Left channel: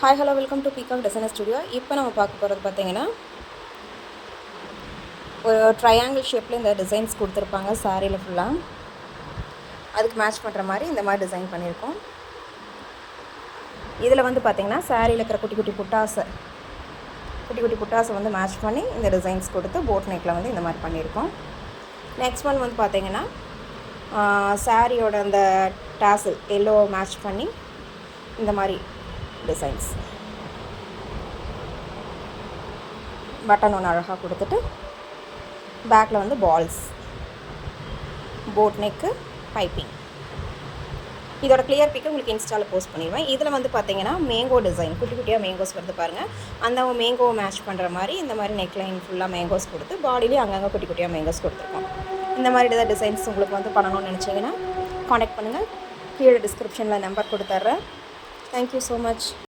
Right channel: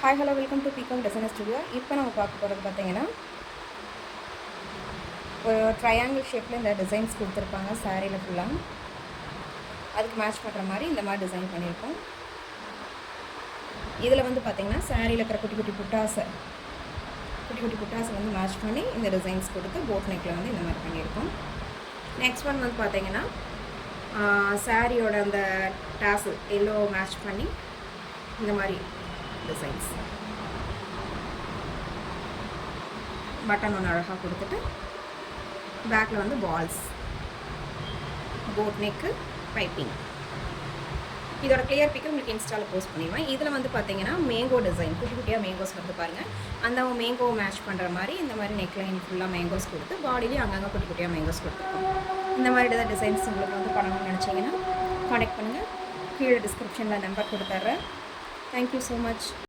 Hi hello welcome to peacock designer studio. இப்போ நம்ம பார்க்க போகிறது பார்த்தீங்கன்னா ஒரு ட்ரையாங்கிள் ஷேப்பில் இந்த டிசைன்ஸ் கொடுத்துருப்பாங்க சாரியில் ஃபுல்லாக. அதுக்கு மேட்ச் பண்ணுற மாதிரி இந்த மாதிரி டிசைன் பண்ணியிருக்கோம். இதில் வந்து பார்த்திங்கன்னா சாரியில் இருக்கிற குட்டி குட்டி புட்டாஸை வந்து மேட்ச் பண்ணி இந்த டிசைன்ஸ் கொடுத்து போட் நெக்கில் வந்து இந்த மாதிரி பண்ணியிருக்கோம். நெக்ஸ்ட் ஒன் வந்து பார்த்திங்கன்னா சாரியோட அந்த டாசல் எல்லோ மேட்ச் பண்ணி இந்த மாதிரி டிசைன்ஸ் பட்டன் ஒன்று அழகாக கொடுத்துட்டு பேக்கில் வந்து பால்ஸ், போட் நெக்கு, பைப்பிங். இதோட கிளியர் பிக்கு உங்களுக்கு இன்ஸ்டாவில் போஸ்ட் பண்ணிடுவேன். இதில் வந்து பார்த்தீங்கன்னா மேங்கோ டிசைன், குட்டி குட்டியாக மேங்கோஸ் வந்து பாருங்கள். அந்த மேங்கோ மேட்ச் பண்ணுற மாதிரி இந்த மாதிரி நெக் லைன் ஃபுல்லாக மேங்கோஸ் கொடுத்து பாடியிலே அங்கங்கே குட்டி குட்டியாக மேங்கோஸ் கொடுத்துருக்கோம். இந்த மாதிரி டிசைன்ஸ் உங்களுக்கு வந்து பண்ணணும்னு நினச்சிங்கன்னா காண்டாக்ட் பண்ணுங்கள். கீழே டிஸ்கிரிப்ஷனில் நம்பர் கொடுத்துட்றேன். Thank you so much.